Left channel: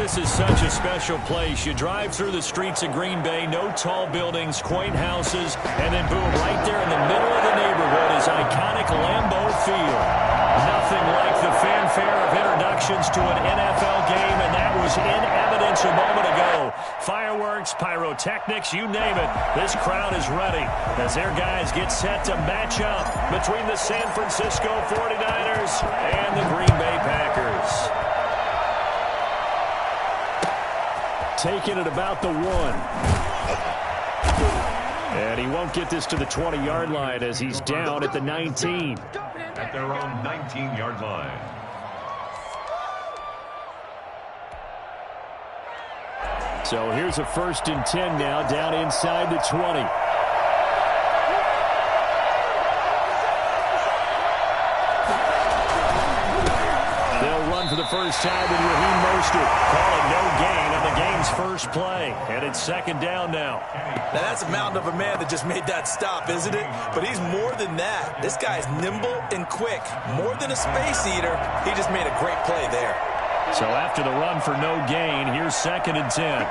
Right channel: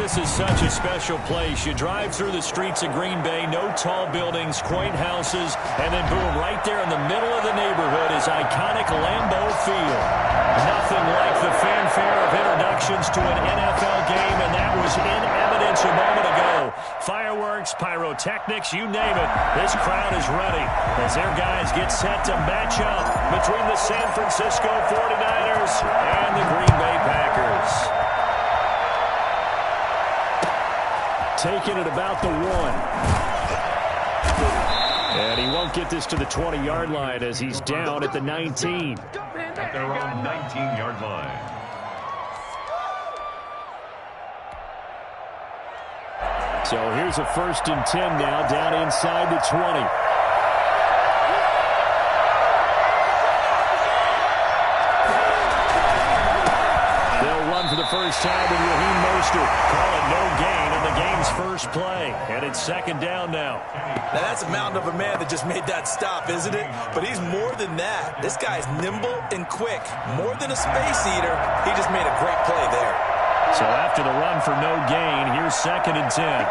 This is such a special place. You drive through the streets of Green Bay, no tall buildings, quaint houses, and then boom, right there in the middle of the neighborhood is iconic Lambeau Field. Nothing like the fanfare of introductions to an NFL game, and that was in evidence a moment ago. Fireworks, pyrotechnics, you name it. This crowd is ready as their guys get set to match up between the San Francisco 49ers and the Green Bay Packers. Taking it about the 1. And he won't get this to the 20-yard line as he's down at the 19. At their own 19-yard line. So here's a 1st and 10 now, down inside the 20. They'll run for the first time with Raheem Mostert. Call it no gain on the game's first play. And it's 2nd down now. Now that's a mountain of a man that just made that stop, isn't it? But he's more than that. This guy's nimble and quick. More than a space eater. He just made a great play there. So after the run for no gain, here's 2nd and 10.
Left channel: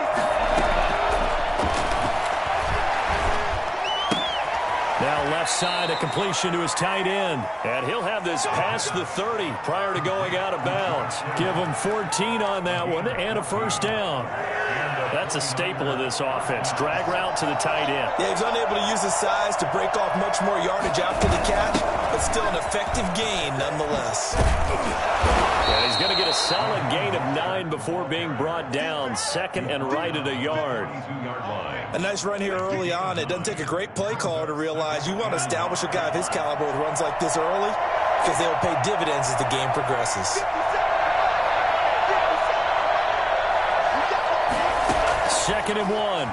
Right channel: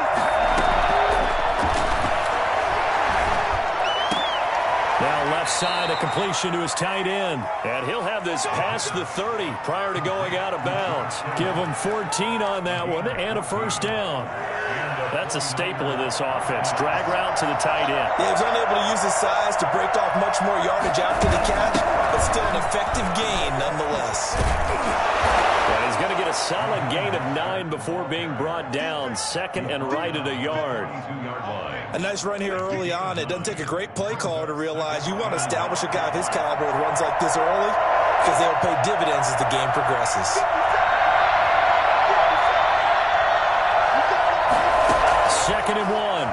Now left side, a completion to his tight end. And he'll have this past the 30 prior to going out of bounds. Give him 14 on that one and a 1st down. That's a staple of this offense. Drag route to the tight end. Yeah, he's unable to use his size to break off much more yardage after the catch, but still an effective gain nonetheless. And he's going to get a solid gain of 9 before being brought down. 2nd and right at a yard. A nice run here early on. It doesn't take a great play caller to realize you want to establish a guy of his caliber with runs like this early because they'll pay dividends as the game progresses. 2nd and 1.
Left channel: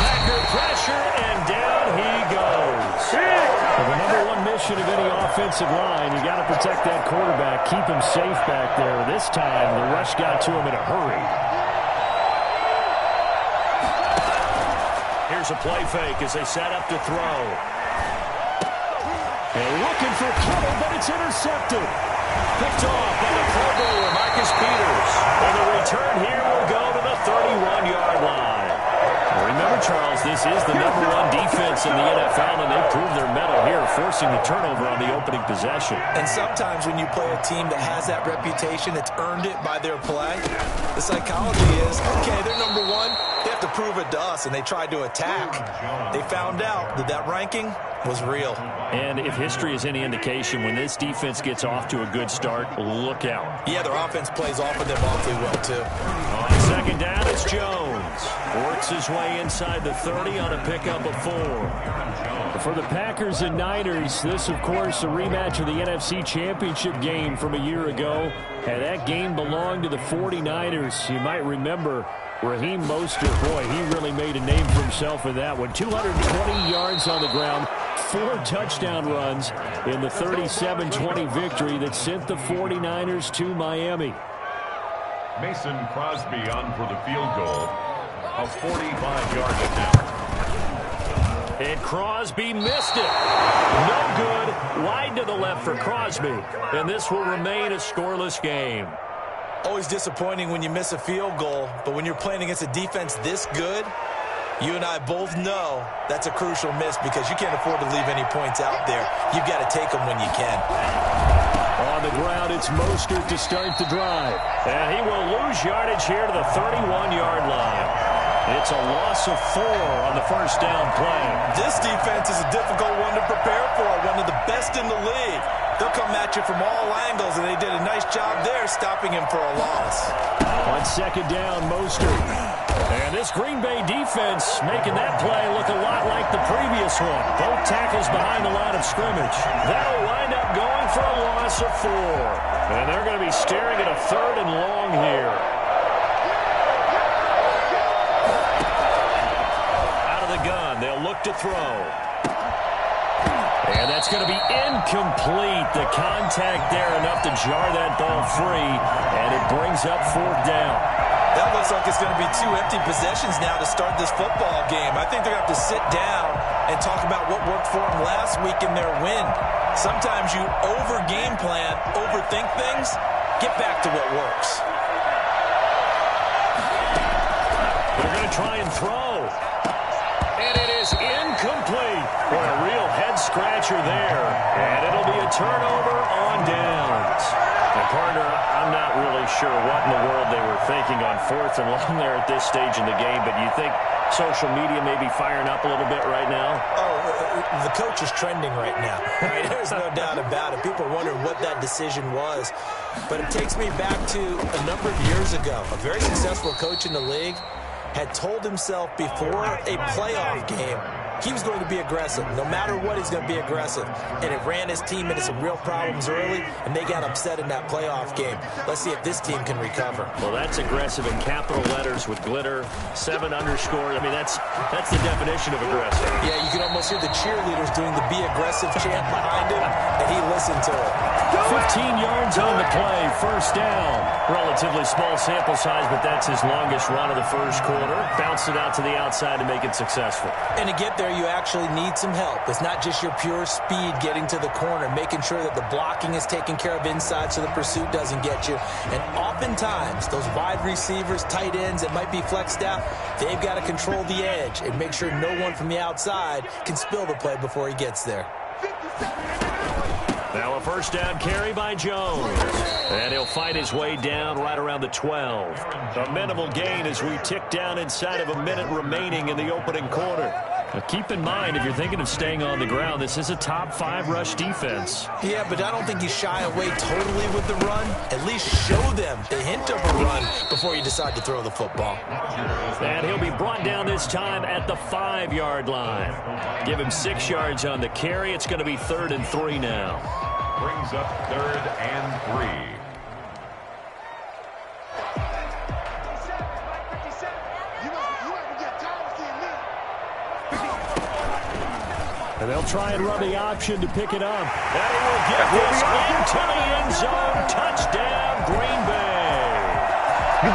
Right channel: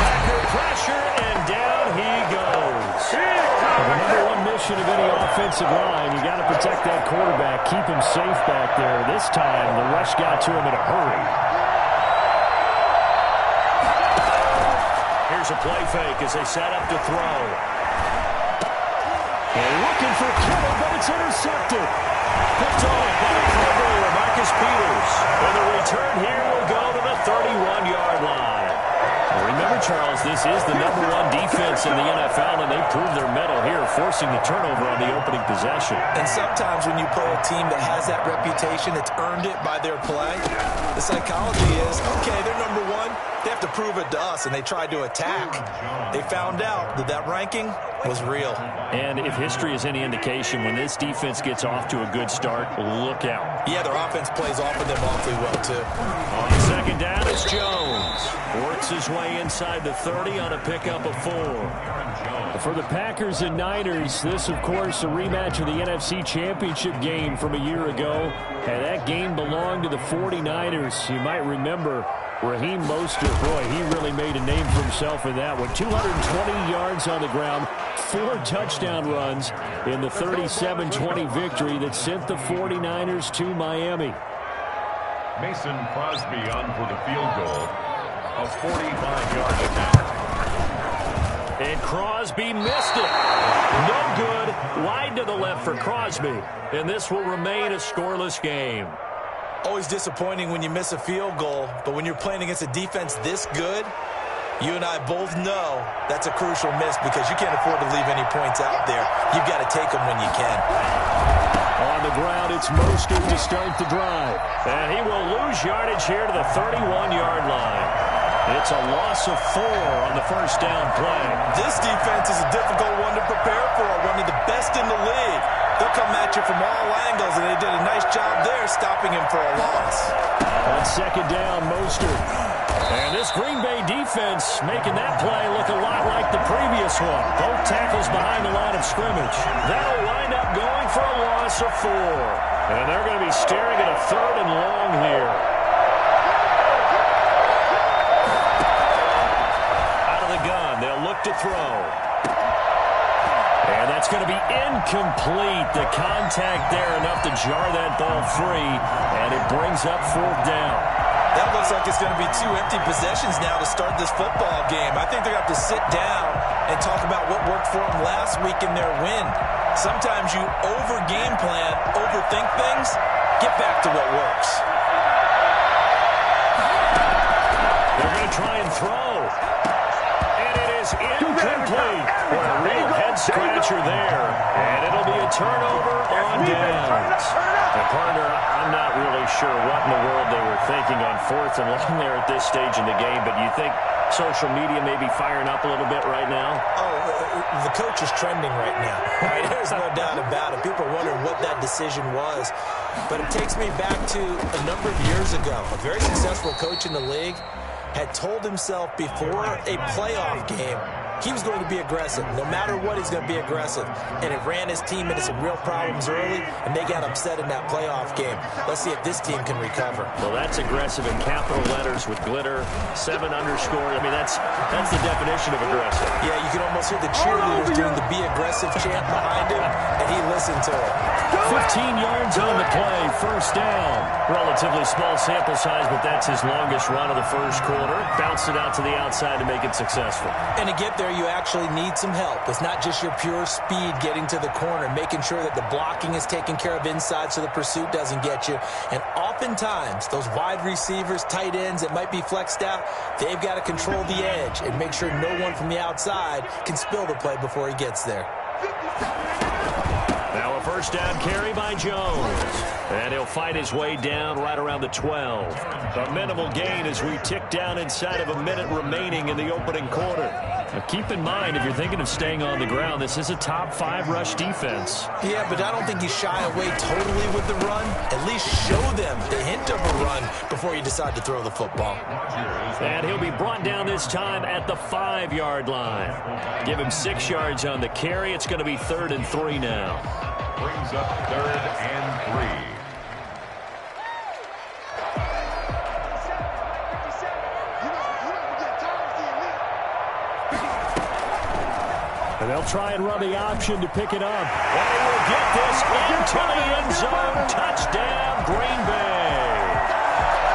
Packer pressure, and down he goes. The number one mission of any offensive line, you got to protect that quarterback, keep him safe back there. This time, the rush got to him in a hurry. Here's a play fake as they set up to throw. And looking for Kittle, but it's intercepted. Picked off by the Pro Bowler, Marcus Peters. And the return here will go to the 31-yard line. Remember, Charles, this is the number one defense in the NFL, and they proved their mettle here, forcing the turnover on the opening possession. And sometimes when you play a team that has that reputation, it's earned it by their play. The psychology is, okay, they're number one. They have to prove it to us, and they tried to attack. They found out that that ranking was real. And if history is any indication, when this defense gets off to a good start, look out. Yeah, their offense plays off of them awfully well, too. On 2nd down, it's Jones. Works his way inside the 30 on a pickup of 4. For the Packers and Niners, this, of course, a rematch of the NFC Championship game from a year ago. And that game belonged to the 49ers. You might remember Raheem Mostert, boy, he really made a name for himself in that one. 220 yards on the ground, 4 touchdown runs in the 37-20 victory that sent the 49ers to Miami. Mason Crosby on for the field goal. A 45-yard attempt. And Crosby missed it. No good. Wide to the left for Crosby. And this will remain a scoreless game. Always disappointing when you miss a field goal, but when you're playing against a defense this good, you and I both know that's a crucial miss because you can't afford to leave any points out there. You've got to take them when you can. On the ground, it's Mostert to start the drive. And he will lose yardage here to the 31-yard line. It's a loss of 4 on the first down play. This defense is a difficult one to prepare for, one of the best in the league. They'll come at you from all angles, and they did a nice job there stopping him for a loss. On 2nd down, Mostert. And this Green Bay defense making that play look a lot like the previous one. Both tackles behind the line of scrimmage. That'll wind up going for a loss of 4. And they're going to be staring at a 3rd and long here. Out of the gun, they'll look to throw. And that's going to be incomplete. The contact there enough to jar that ball free, and it brings up 4th down. That looks like it's going to be 2 empty possessions now to start this football game. I think they're going to have to sit down and talk about what worked for them last week in their win. Sometimes you over-game plan, overthink things, get back to what works. going to try and throw. And it is incomplete. Boy, a real head-scratcher there. And it'll be a turnover on downs. And, partner, I'm not really sure what in the world they were thinking on 4th and long there at this stage in the game, but you think social media may be firing up a little bit right now? Oh, the coach is trending right now. Right? There's no doubt about it. People are wondering what that decision was. But it takes me back to a number of years ago. A very successful coach in the league had told himself before a playoff game he was going to be aggressive. No matter what, he's going to be aggressive. And it ran his team into some real problems early, and they got upset in that playoff game. Let's see if this team can recover. Well, that's aggressive in capital letters with glitter, 7 underscore. I mean, that's the definition of aggressive. Yeah, you can almost hear the cheerleaders doing the be aggressive chant behind him, and he listened to it. 15 yards on the play, first down. Relatively small sample size, but that's his longest run of the first quarter. Bounced it out to the outside to make it successful. And to get there, you actually need some help. It's not just your pure speed getting to the corner, making sure that the blocking is taken care of inside so the pursuit doesn't get you. And oftentimes, those wide receivers, tight ends that might be flexed out, they've got to control the edge and make sure no one from the outside can spill the play before he gets there. Now a first down carry by Jones. And he'll fight his way down right around the 12. A minimal gain as we tick down inside of a minute remaining in the opening quarter. Now keep in mind, if you're thinking of staying on the ground, this is a top 5 rush defense. Yeah, but I don't think you shy away totally with the run. At least show them the hint of a run before you decide to throw the football. And he'll be brought down this time at the 5-yard line. Give him 6 yards on the carry. It's going to be 3rd and 3 now. Brings up 3rd and 3. And they'll try and run the option to pick it up. And he will get this into the end zone. Touchdown, Green Bay.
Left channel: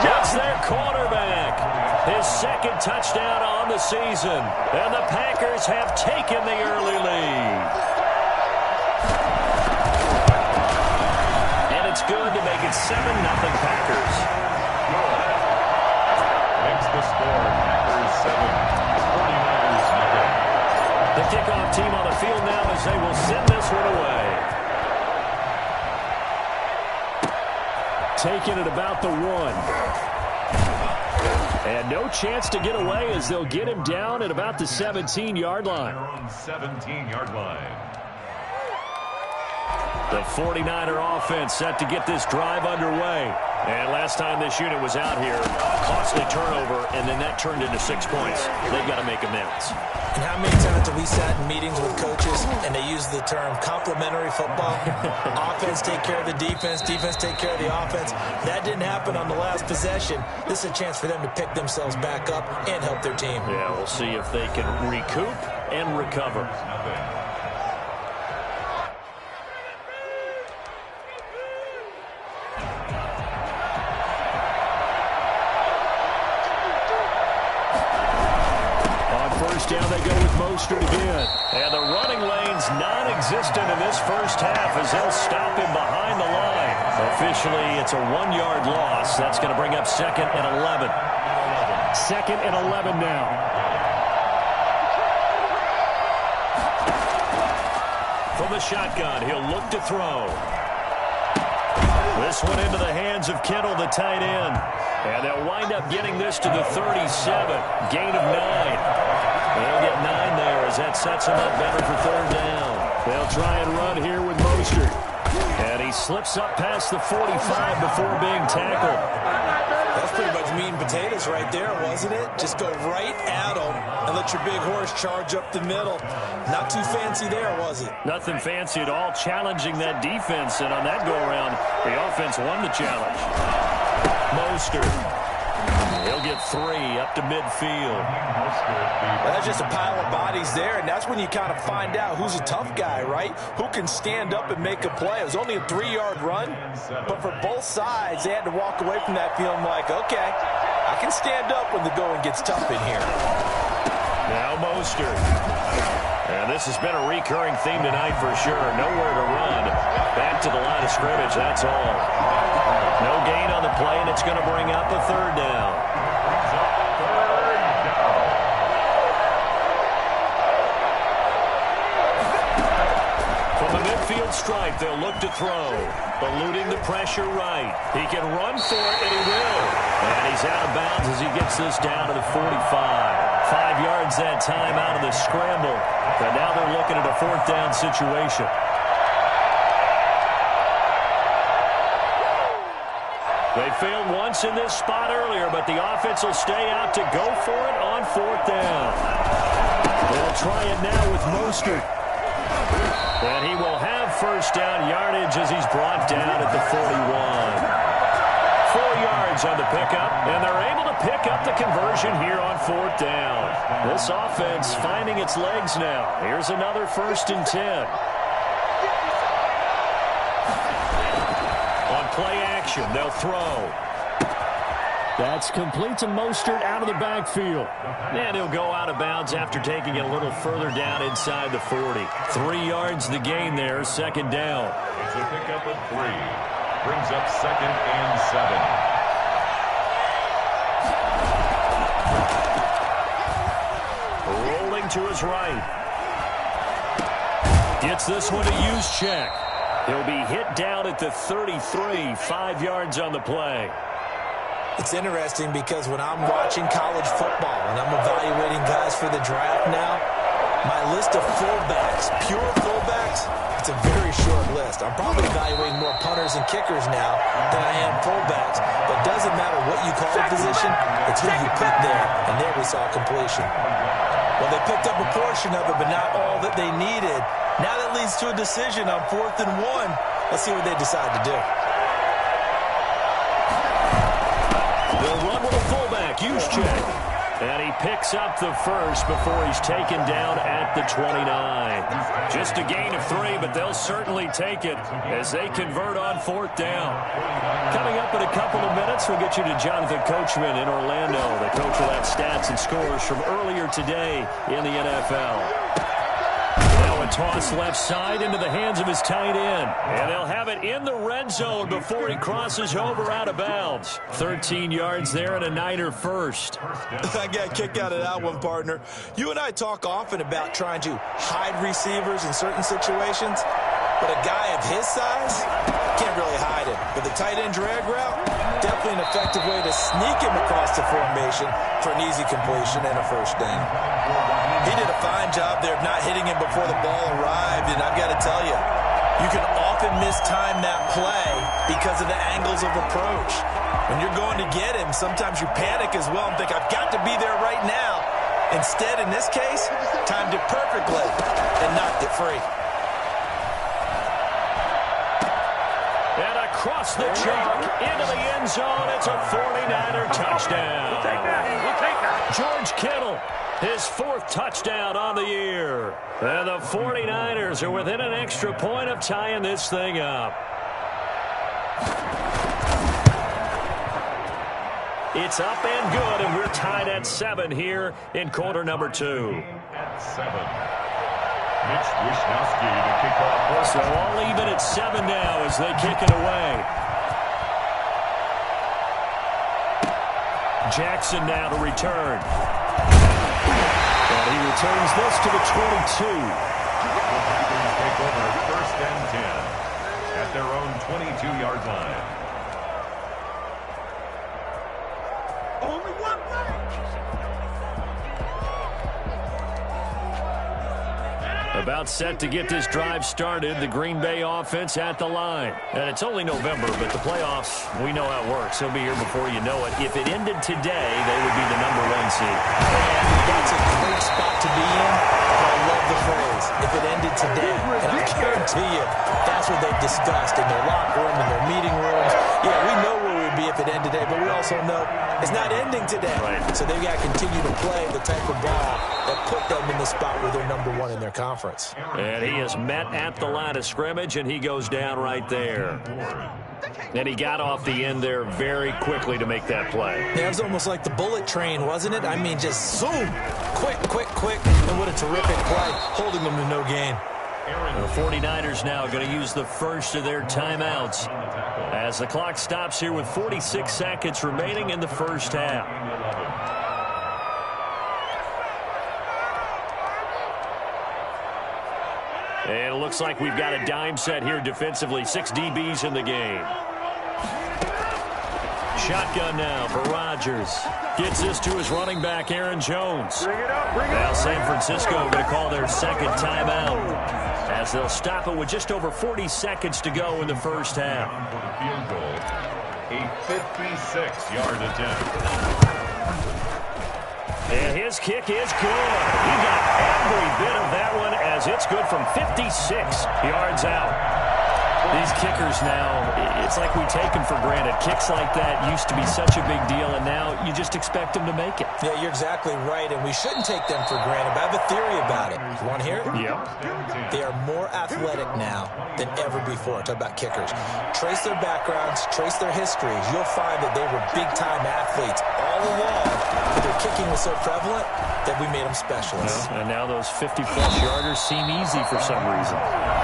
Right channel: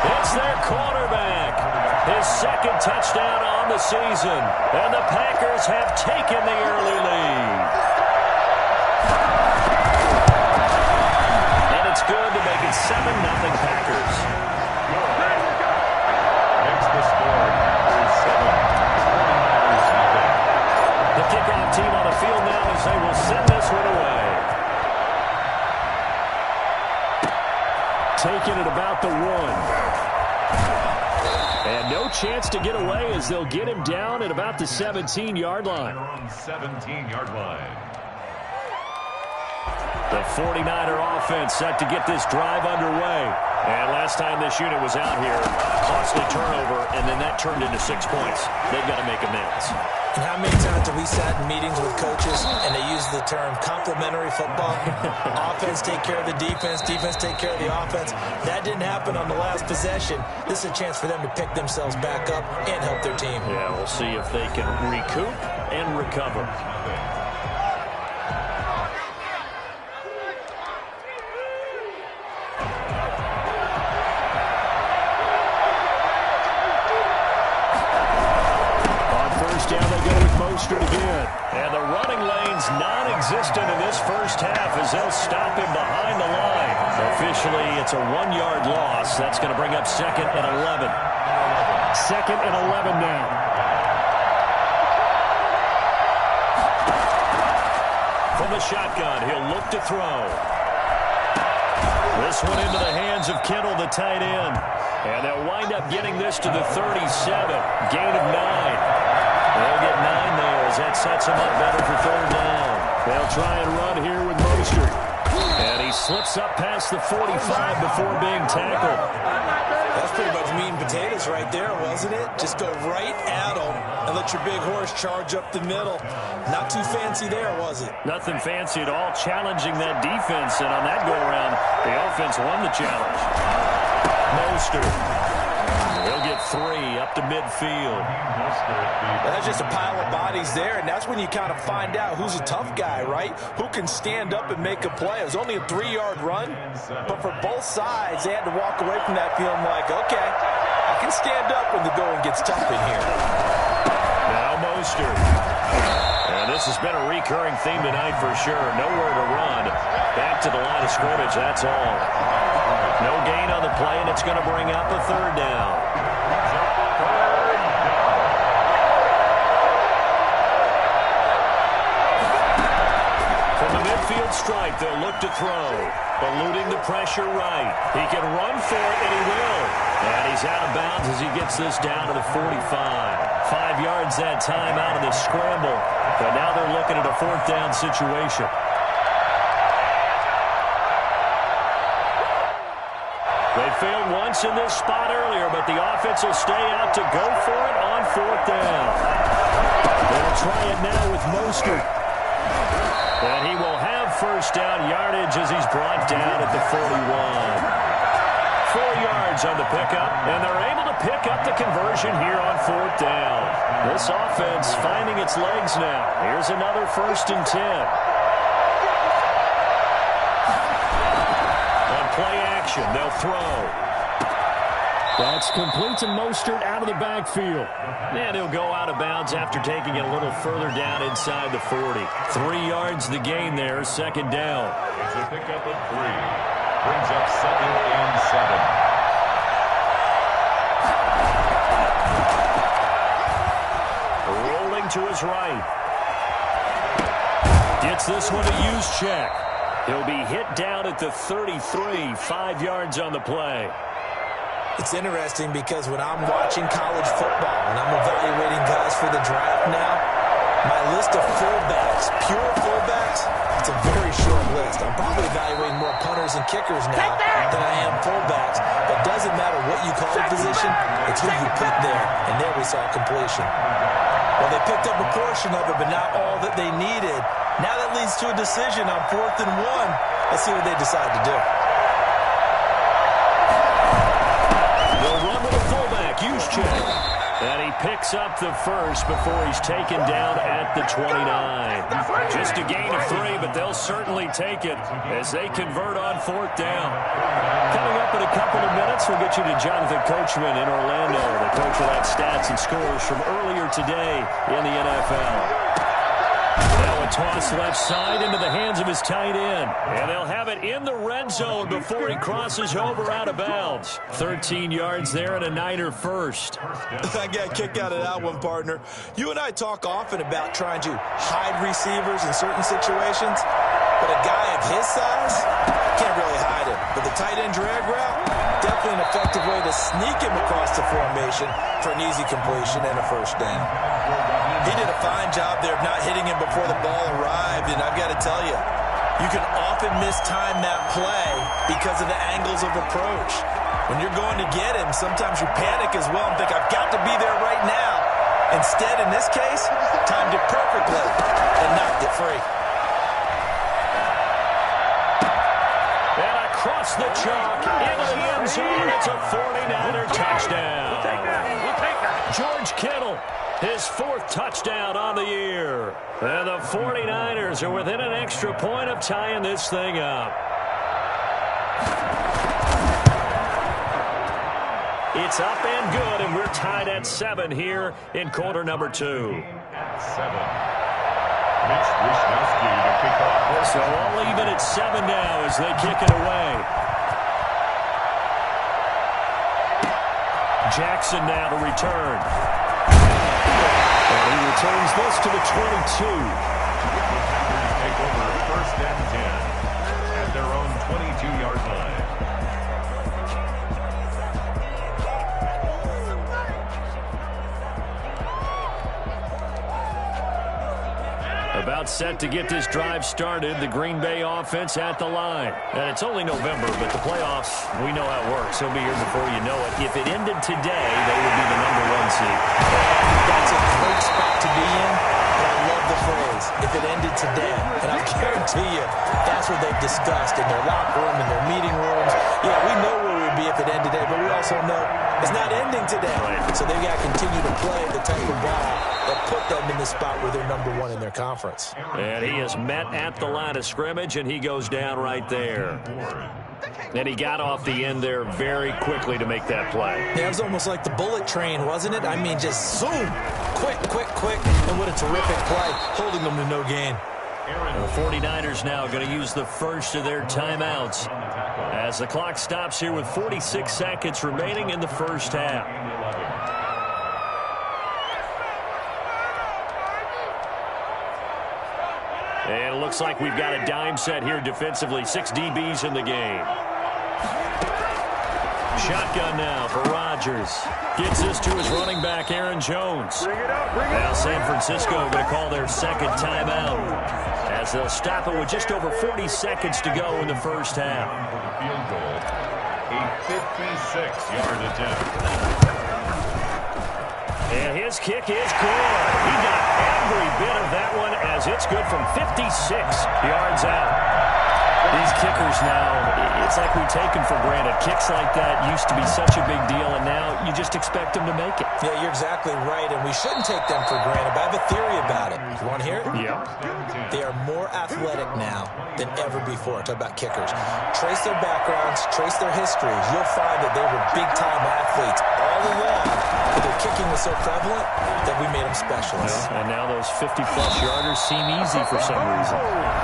That's their quarterback. His 2nd touchdown on the season. And the Packers have taken the early lead. And it's good to make it 7-0 Packers. Makes the score Packers 7, 49ers nothing. The kickoff team on the field now as they will send this one away. Taking it about the 1. And no chance to get away as they'll get him down at about the 17-yard line. They're on 17-yard line. The 49er offense set to get this drive underway. And last time this unit was out here, costly turnover, and then that turned into 6 points. They've got to make amends. And how many times have we sat in meetings with coaches and they use the term complementary football? Offense take care of the defense, defense take care of the offense. That didn't happen on the last possession. This is a chance for them to pick themselves back up and help their team. Yeah, we'll see if they can recoup and recover. Down they go with Mostert again. And the running lane's non-existent in this first half as they'll stop him behind the line. Officially, it's a 1-yard loss. That's going to bring up 2nd and 11. 2nd and 11 now. From the shotgun, he'll look to throw. This one into the hands of Kittle, the tight end. And they'll wind up getting this to the 37. Gain of 9. They'll get 9 there as that sets them up better for 3rd down. They'll try and run here with Mostert. And he slips up past the 45 before being tackled. That's pretty much meat and potatoes right there, wasn't it? Just go right at him and let your big horse charge up the middle. Not too fancy there, was it? Nothing fancy at all, challenging that defense. And on that go-around, the offense won the challenge. Mostert. He'll get 3 up to midfield. That's just a pile of bodies there, and that's when you kind of find out who's a tough guy, right? Who can stand up and make a play. It was only a 3-yard run, but for both sides, they had to walk away from that feeling like, okay, I can stand up when the going gets tough in here. Now Mostert. And this has been a recurring theme tonight for sure. Nowhere to run. Back to the line of scrimmage, that's all. No gain on the play, and it's going to bring up a 3rd down. midfield stripe. They'll look to throw. Eluding the pressure right. He can run for it, and he will. And he's out of bounds as he gets this down to the 45. 5 yards that time out of the scramble. But now they're looking at a 4th down situation. They failed once in this spot earlier, but the offense will stay out to go for it on 4th down. They'll try it now with Mostert. And he will have first down yardage as he's brought down at the 41. 4 yards on the pickup, and they're able to pick up the conversion here on 4th down. This offense finding its legs now. Here's another 1st and 10. On play action, they'll throw. That's complete to Mostert out of the backfield. And he'll go out of bounds after taking it a little further down inside the 40. 3 yards the gain there, 2nd down. It's a pickup of 3. Brings up 2nd and 7. Rolling to his right. Gets this one to Juszczyk. He'll be hit down at the 33, 5 yards on the play. It's interesting because when I'm watching college football and I'm evaluating guys for the draft now, my list of fullbacks, pure fullbacks, it's a very short list. I'm probably evaluating more punters and kickers now than I am fullbacks. But it doesn't matter what you call a position, it's who you put there. And there we saw completion. Well, they picked up a portion of it, but not all that they needed. Now that leads to a decision on 4th and 1. Let's see what they decide to do. They'll run with a fullback, Juszczyk. And he picks up the first before he's taken down at the 29. Just a gain of 3, but they'll certainly take it as they convert on 4th down. Coming up in a couple of minutes, we'll get you to Jonathan Coachman in Orlando. The coach will have stats and scores from earlier today in the NFL. Now a toss left side into the hands of his tight end. And they'll have it in the red zone before he crosses over out of bounds. 13 yards there and a Niner first. I got a kick out of that one, partner. You and I talk often about trying to hide receivers in certain situations. But a guy of his size can't really hide him. But the tight end drag route, definitely an effective way to sneak him across the formation for an easy completion and a first down. He did a fine job there of not hitting him before the ball arrived, and I've got to tell you, you can often mistime that play because of the angles of approach. When you're going to get him, sometimes you panic as well and think, I've got to be there right now. Instead, in this case, timed it perfectly and knocked it free. And across the chalk, into the end zone, it's a 49er touchdown. We'll take that. George Kittle, his 4th touchdown on the year. And the 49ers are within an extra point of tying this thing up. It's up and good, and we're tied at 7 here in quarter number 2. At 7. Mitch Wishnowsky to kick off. So all even at 7 now as they kick it away. Jackson now to return. And he returns this to the 22. The Packers take over 1st and 10 at their own 22-yard line. About set to get this drive started, the Green Bay offense at the line. And it's only November, but the playoffs, we know how it works. He'll be here before you know it. If it ended today, they would be the #1 seed. And that's a great spot to be in, but I love the phrase, if it ended today. And I guarantee you, that's what they've discussed in their locker room, in their meeting rooms. Yeah, we know where we would be if it ended today, but we also know it's not ending today. Right. So they've got to continue to play the type of ball that put them in the spot where they're #1 in their conference. And he is met at the line of scrimmage, and he goes down right there. And he got off the end there very quickly to make that play. Yeah, it was almost like the bullet train, wasn't it? I mean, just zoom, quick, and what a terrific play, holding them to no gain. The 49ers now going to use the first of their timeouts as the clock stops here with 46 seconds remaining in the first half. And it looks like we've got a dime set here defensively. 6 DBs in the game. Shotgun now for Rodgers. Gets this to his running back, Aaron Jones. Now San Francisco going to call their second timeout as they'll stop it with just over 40 seconds to go in the first half. For the field goal, a 56-yard attempt. And his kick is good. He got every bit of that one as it's good from 56 yards out. These kickers now, it's like we take them for granted. Kicks like that used to be such a big deal, and now you just expect them to make it. Yeah, you're exactly right, and we shouldn't take them for granted, but I have a theory about it. You want to hear it? Yeah. They are more athletic now than ever before. Talk about kickers. Trace their backgrounds, trace their histories. You'll find that they were big-time athletes all along, but their kicking was so prevalent that we made them specialists. Well, and now those 50-plus yarders seem easy for some reason.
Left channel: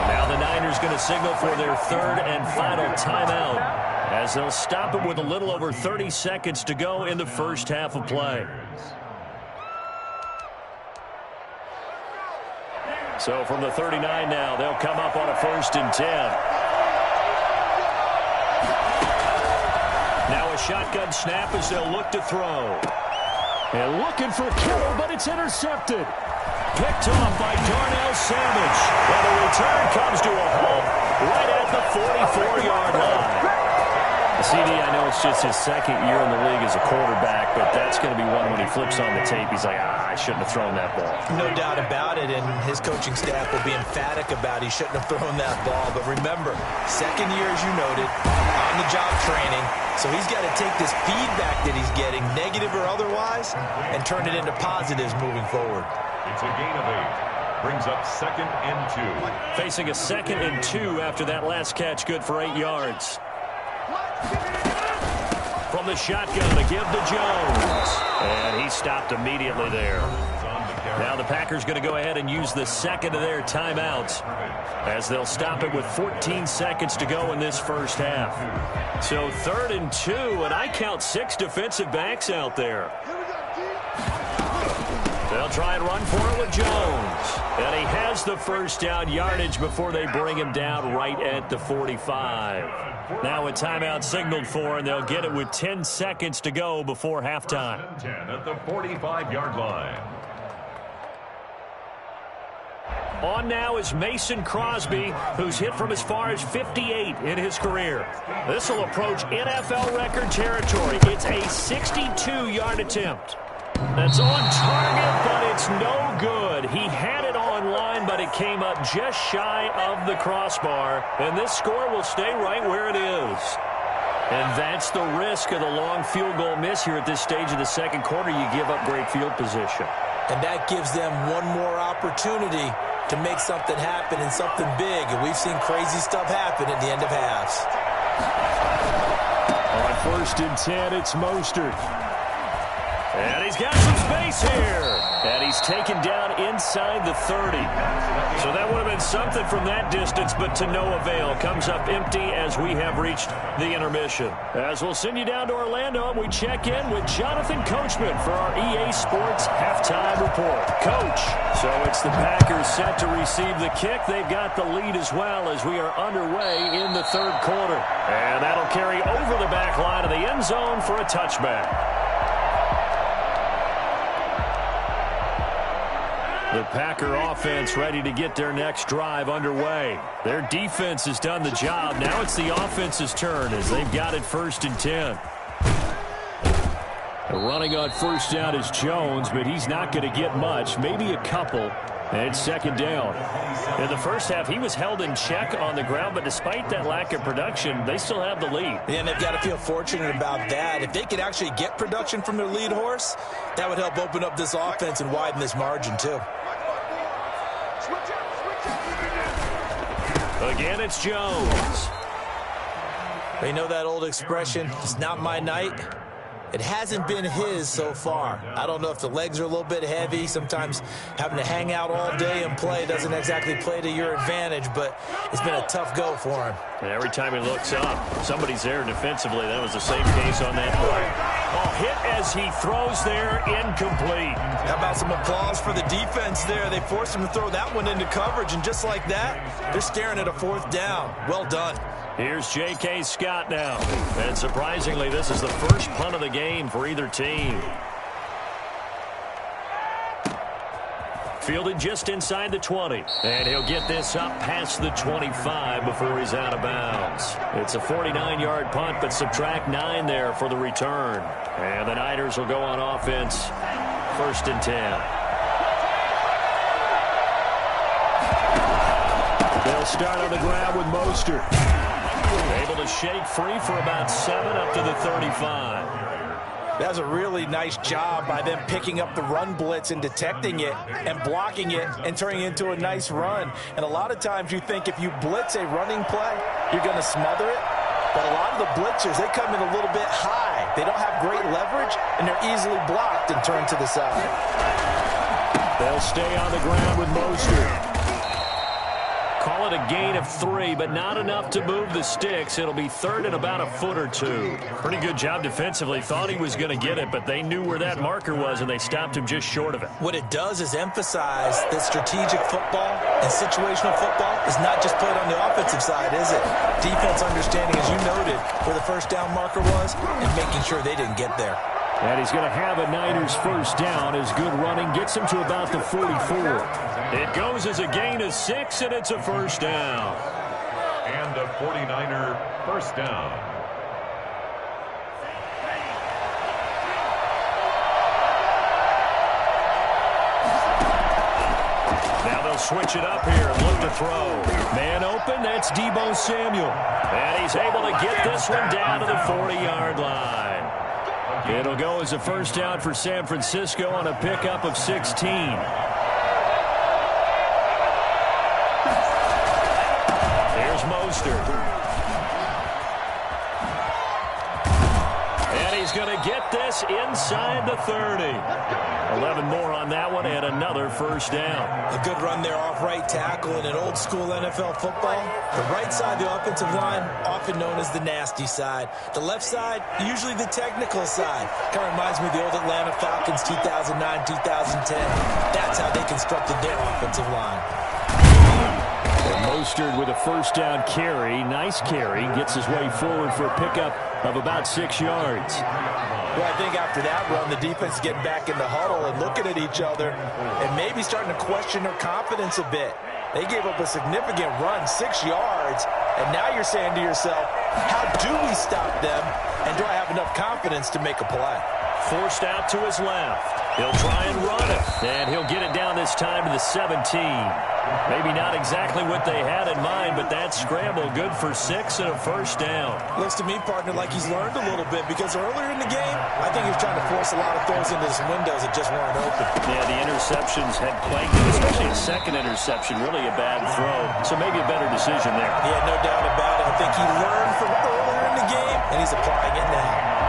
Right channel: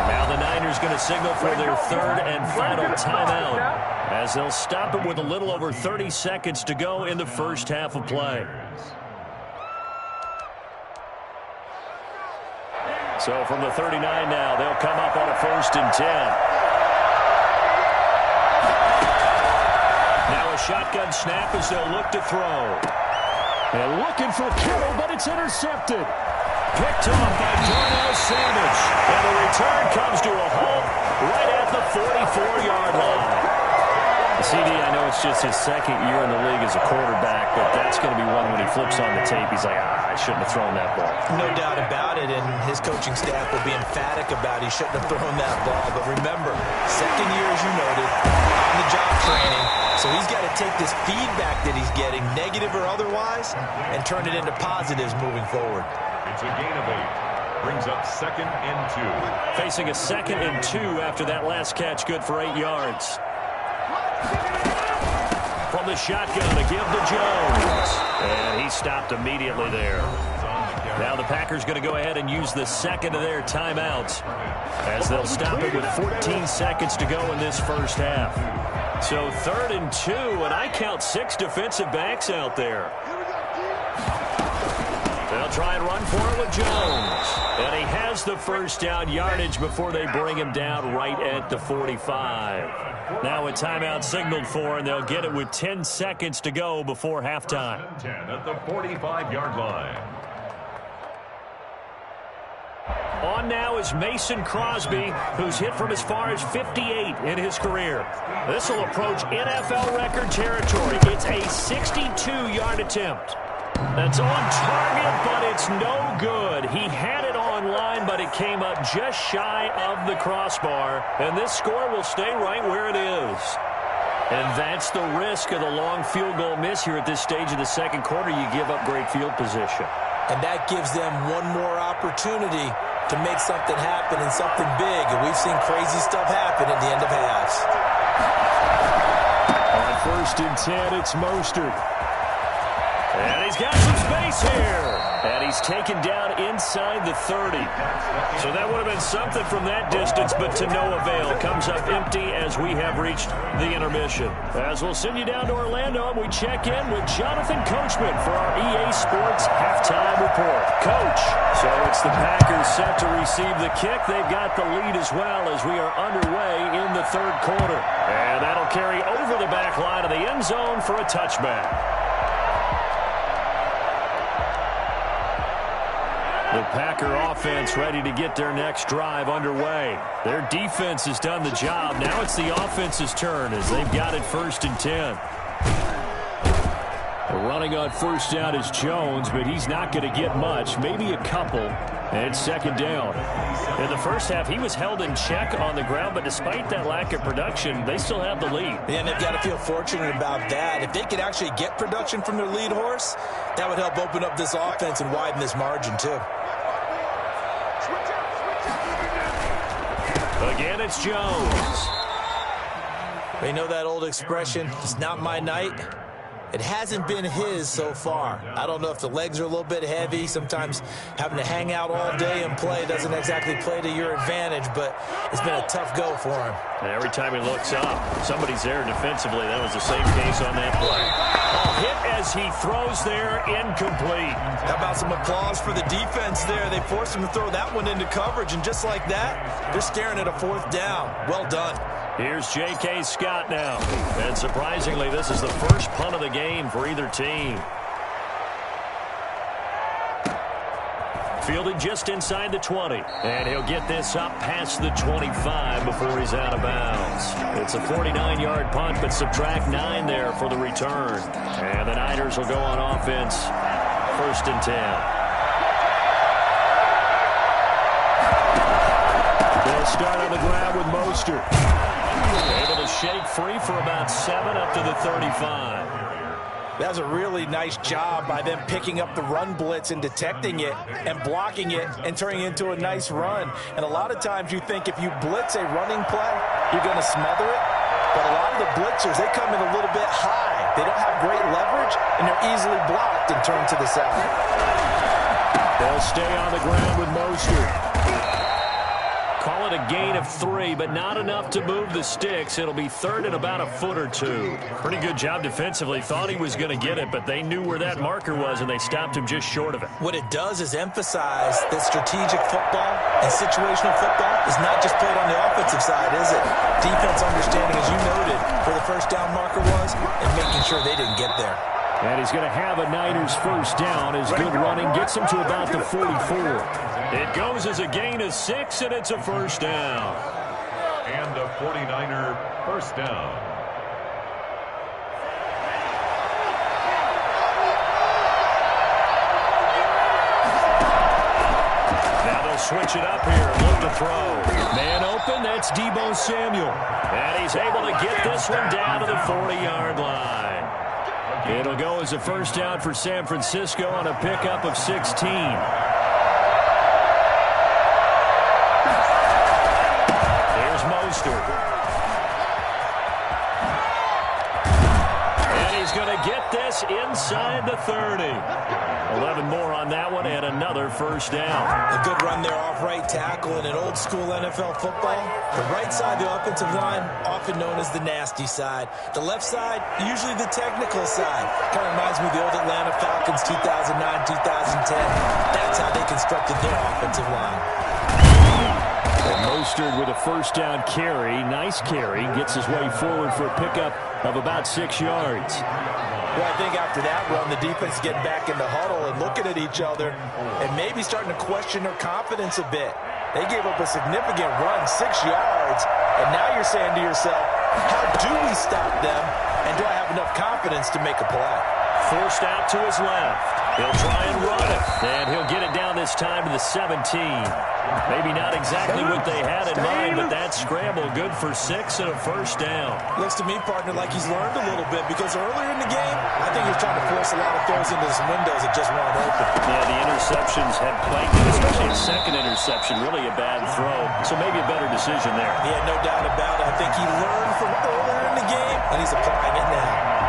Now the Niners going to signal for their third and final timeout as they'll stop it with a little over 30 seconds to go in the first half of play. So from the 39 now, they'll come up on a 1st and 10. Now a shotgun snap as they'll look to throw. And looking for Kittle, but it's intercepted. Picked off by Darnell Savage. And the return comes to a halt right at the 44-yard line. CD, I know it's just his second year in the league as a quarterback, but that's going to be one when he flips on the tape. He's like, I shouldn't have thrown that ball. No doubt about it, and his coaching staff will be emphatic about he shouldn't have thrown that ball. But remember, second year, as you noted, on-the-job training. So he's got to take this feedback that he's getting, negative or otherwise, and turn it into positives moving forward. It's a gain of 8. Brings up 2nd and 2. Facing a 2nd and 2 after that last catch, good for 8 yards. From the shotgun to give to Jones. And he stopped immediately there. Now the Packers going to go ahead and use the second of their timeouts as they'll stop it with 14 seconds to go in this first half. So 3rd and 2, and I count 6 defensive backs out there. They'll try and run for it with Jones. And he has the first down yardage before they bring him down right at the 45. Now a timeout signaled for, and they'll get it with 10 seconds to go before halftime. 10 at the 45-yard line. On now is Mason Crosby, who's hit from as far as 58 in his career. This will approach NFL record territory. It's a 62-yard attempt. That's on target, but it's no good. He had it on line, but it came up just shy of the crossbar. And this score will stay right where it is. And that's the risk of the long field goal miss here at this stage of the second quarter. You give up great field position. And that gives them one more opportunity to make something happen and something big. And we've seen crazy stuff happen at the end of halves. On 1st and 10, it's Mostert. And he's got some space here. And he's taken down inside the 30. So that would have been something from that distance, but to no avail. Comes up empty as we have reached the intermission. As we'll send you down to Orlando, and we check in with Jonathan Coachman for our EA Sports Halftime Report. Coach, so it's the Packers set to receive the kick. They've got the lead as well as we are underway in the third quarter. And that'll carry over the back line of the end zone for a touchback. The Packer offense ready to get their next drive underway. Their defense has done the job. Now it's the offense's turn as they've got it 1st and 10. Running on 1st down is Jones, but he's not going to get much, maybe a couple. And it's 2nd down. In the first half, he was held in check on the ground, but despite that lack of production, they still have the lead. Yeah, and they've got to feel fortunate about that. If they could actually get production from their lead horse, that would help open up this offense and widen this margin, too. Again, it's Jones. You know that old expression, it's not my night. It hasn't been his so far. I don't know if the legs are a little bit heavy. Sometimes having to hang out all day and play doesn't exactly play to your advantage, but it's been a tough go for him. And every time he looks up, somebody's there defensively. That was the same case on that play. Oh, hit as he throws there, incomplete. How about some applause for the defense there? They forced him to throw that one into coverage, and just like that, they're staring at a 4th down. Well done. Here's J.K. Scott now. And surprisingly, this is the first punt of the game for either team. Fielded just inside the 20. And he'll get this up past the 25 before he's out of bounds. It's a 49-yard punt, but subtract 9 there for the return. And the Niners will go on offense, 1st and 10. They'll start on the ground with Mostert. Able to shake free for about 7 up to the 35. That's a really nice job by them picking up the run blitz and detecting it and blocking it and turning it into a nice run. And a lot of times you think if you blitz a running play, you're going to smother it. But a lot of the blitzers, they come in a little bit high. They don't have great leverage, and they're easily blocked and turned to the side. They'll stay on the ground with Mostert. Call it a gain of 3, but not enough to move the sticks. It'll be 3rd and about a foot or 2. Pretty good job defensively. Thought he was going to get it, but they knew where that marker was, and they stopped him just short of it. What it does is emphasize that strategic football and situational football is not just played on the offensive side, is it? Defense understanding, as you noted, where the 1st down marker was and making sure they didn't get there. And he's going to have a Niners 1st down as good running gets him to about the 44. It goes as a gain of 6, and it's a 1st down. And a 49er 1st down. Now they'll switch it up here and look to throw. Man open, that's Deebo Samuel. And he's able to get this one down to the 40-yard line. It'll go as a 1st down for San Francisco on a pickup of 16. Here's Mostert. And he's going to get this inside the 30. 11 more on that one and another 1st down. A good run there off right tackle in an old school NFL football. The right side, the offensive line, often known as the nasty side. The left side, usually the technical side. Kind of reminds me of the old Atlanta Falcons 2009, 2010. That's how they constructed their offensive line. And Mostert with a 1st down carry. Nice carry. Gets his way forward for a pickup of about 6 yards. Well, I think after that run, the defense is getting back in the huddle and looking at each other and maybe starting to question their confidence a bit. They gave up a significant run, 6 yards, and now you're saying to yourself, how do we stop them, and do I have enough confidence to make a play? Forced out to his left. He'll try and run it, and he'll get it down this time to the 17. Maybe not exactly what they had in mind, but that scramble good for 6 and a 1st down. Looks to me, partner, like he's learned a little bit because earlier in the game, I think he was trying to force a lot of throws into some windows that just weren't open. Yeah, the interceptions had plagued him, especially a 2nd interception, really a bad throw. So maybe a better decision there. Yeah, no doubt about it. I think he learned from earlier in the game, and he's applying it now.